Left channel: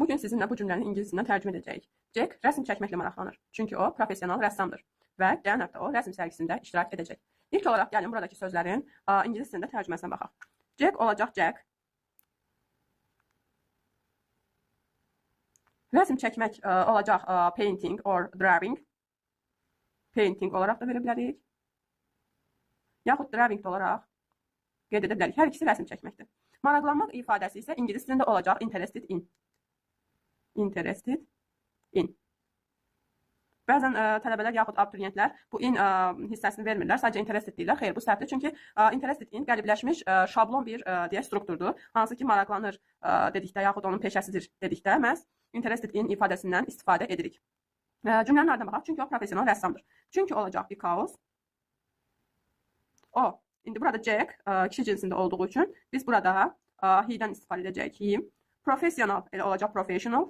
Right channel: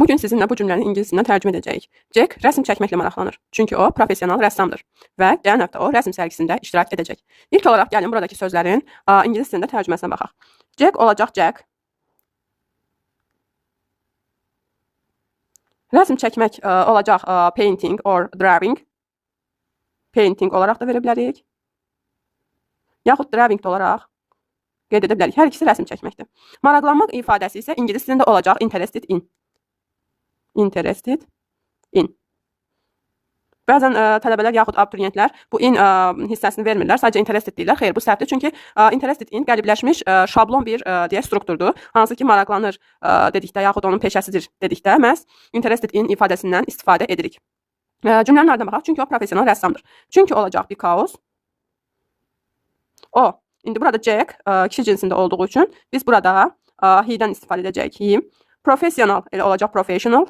Bugün sizinlə bu cümləni ingilisindən tərcümə edəcəyik. Jack rəsm çəkməklə maraqlanır. Çünki o professional rəssamdır və gələn həftə o rəsm sərgisində iştirak edəcək. İlk olaraq gəlin buradakı sözlərin ingilis dilində tərcüməsinə baxaq. Jack olacaq Jack. Rəsm çəkmək olacaq painting or drawing. Painting olaraq da verə bilərik. Yaxud drawing olaraq qeyd edə bilərik. Hər ikisi rəsm çəkməkdir. Maraqlanmaq ifadəsi isə ingilis dilində olacaq interested in. Interested in. Bəzən tələbələr yaxud abituriyentlər bu in hissəsini vermirlər. Sadəcə interested deyirlər. Xeyr, bu səhvdir. Çünki interested in qəlibləşmiş şablon bir deyək strukturdur. Hansı ki maraqlanır dedikdə yaxud onun peşəsidir dedikdə məhz interested in ifadəsindən istifadə edirik. Cümlənin ardına baxaq. Çünki o professional rəssamdır. Çünki olacaq because o. İndi burada Jack kişi cinsində olduğu üçün biz burada he-dən istifadə edəcəyik. He. Professional elə olacaq professional.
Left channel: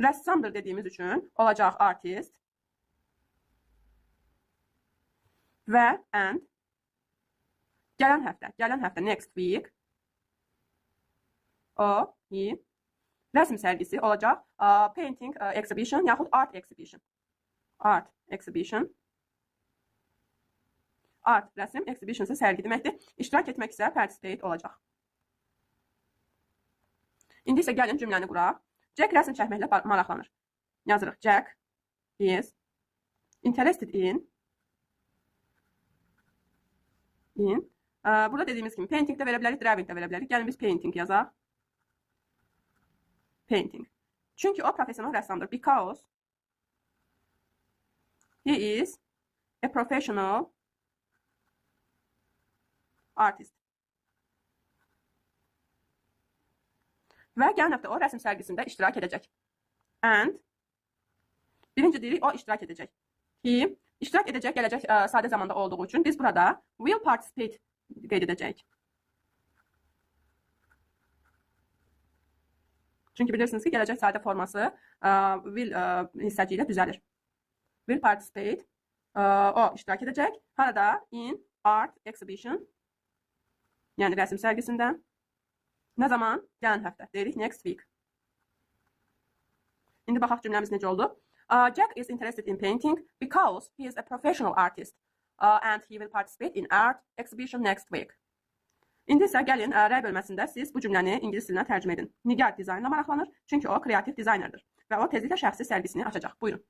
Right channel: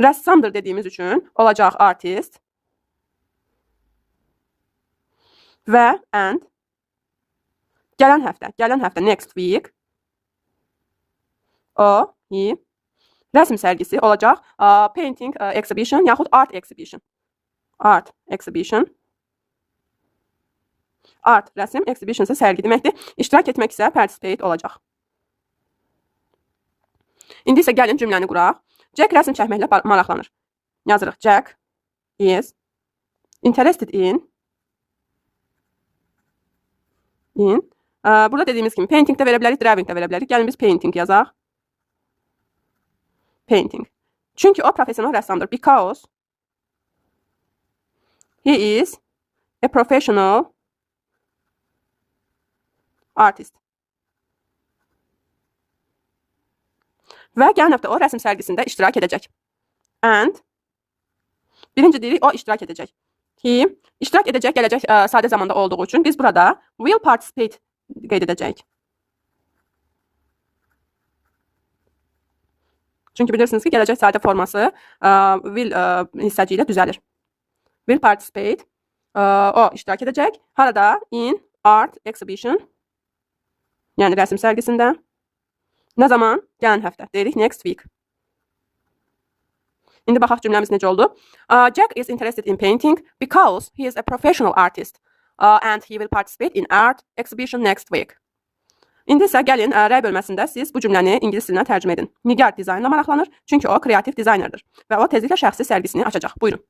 Rəssamdır dediyimiz üçün olacaq artist. Və and. Gələn həftə next week. O, he. Rəsm sərgisi olacaq painting exhibition yaxud art exhibition. Art exhibition. Art, rəsm, exhibition isə sərgi deməkdir. İştirak etmək isə participate olacaq. İndi isə gəlin cümləni quraq. Jack rəsm çəkməklə maraqlanır. Yazırıq. Jack is interested in burada dediyimiz kimi painting də verə bilərik, drawing də verə bilərik. Gəlin biz painting yazaq. Painting. Çünki o professional rəssamdır. Because he is a professional artist. Və gələn həftə o rəsm sərgisində iştirak edəcək. And birinci deyirik, o iştirak edəcək. He iştirak edəcək, gələcək sadə zamanda olduğu üçün biz burada will participate qeyd edəcəyik. Çünki bilirsiniz ki, gələcək sadə forması will hissəci ilə düzəlir. Will participate, o iştirak edəcək. Harada? In art exhibition. Yəni rəsm sərgisində. Nə zaman? Gələn həftə. Deyirik next week. İndi baxaq cümləmiz necə oldu. Jack is interested in painting because he is a professional artist and he will participate in art exhibition next week. İndi isə gəlin rəy bölməsində siz bu cümləni ingilis dilinə tərcümə edin. Nigar dizaynla maraqlanır, çünki o kreativ dizaynerdir və o tezliklə şəxsi sərgisini açacaq. Buyurun.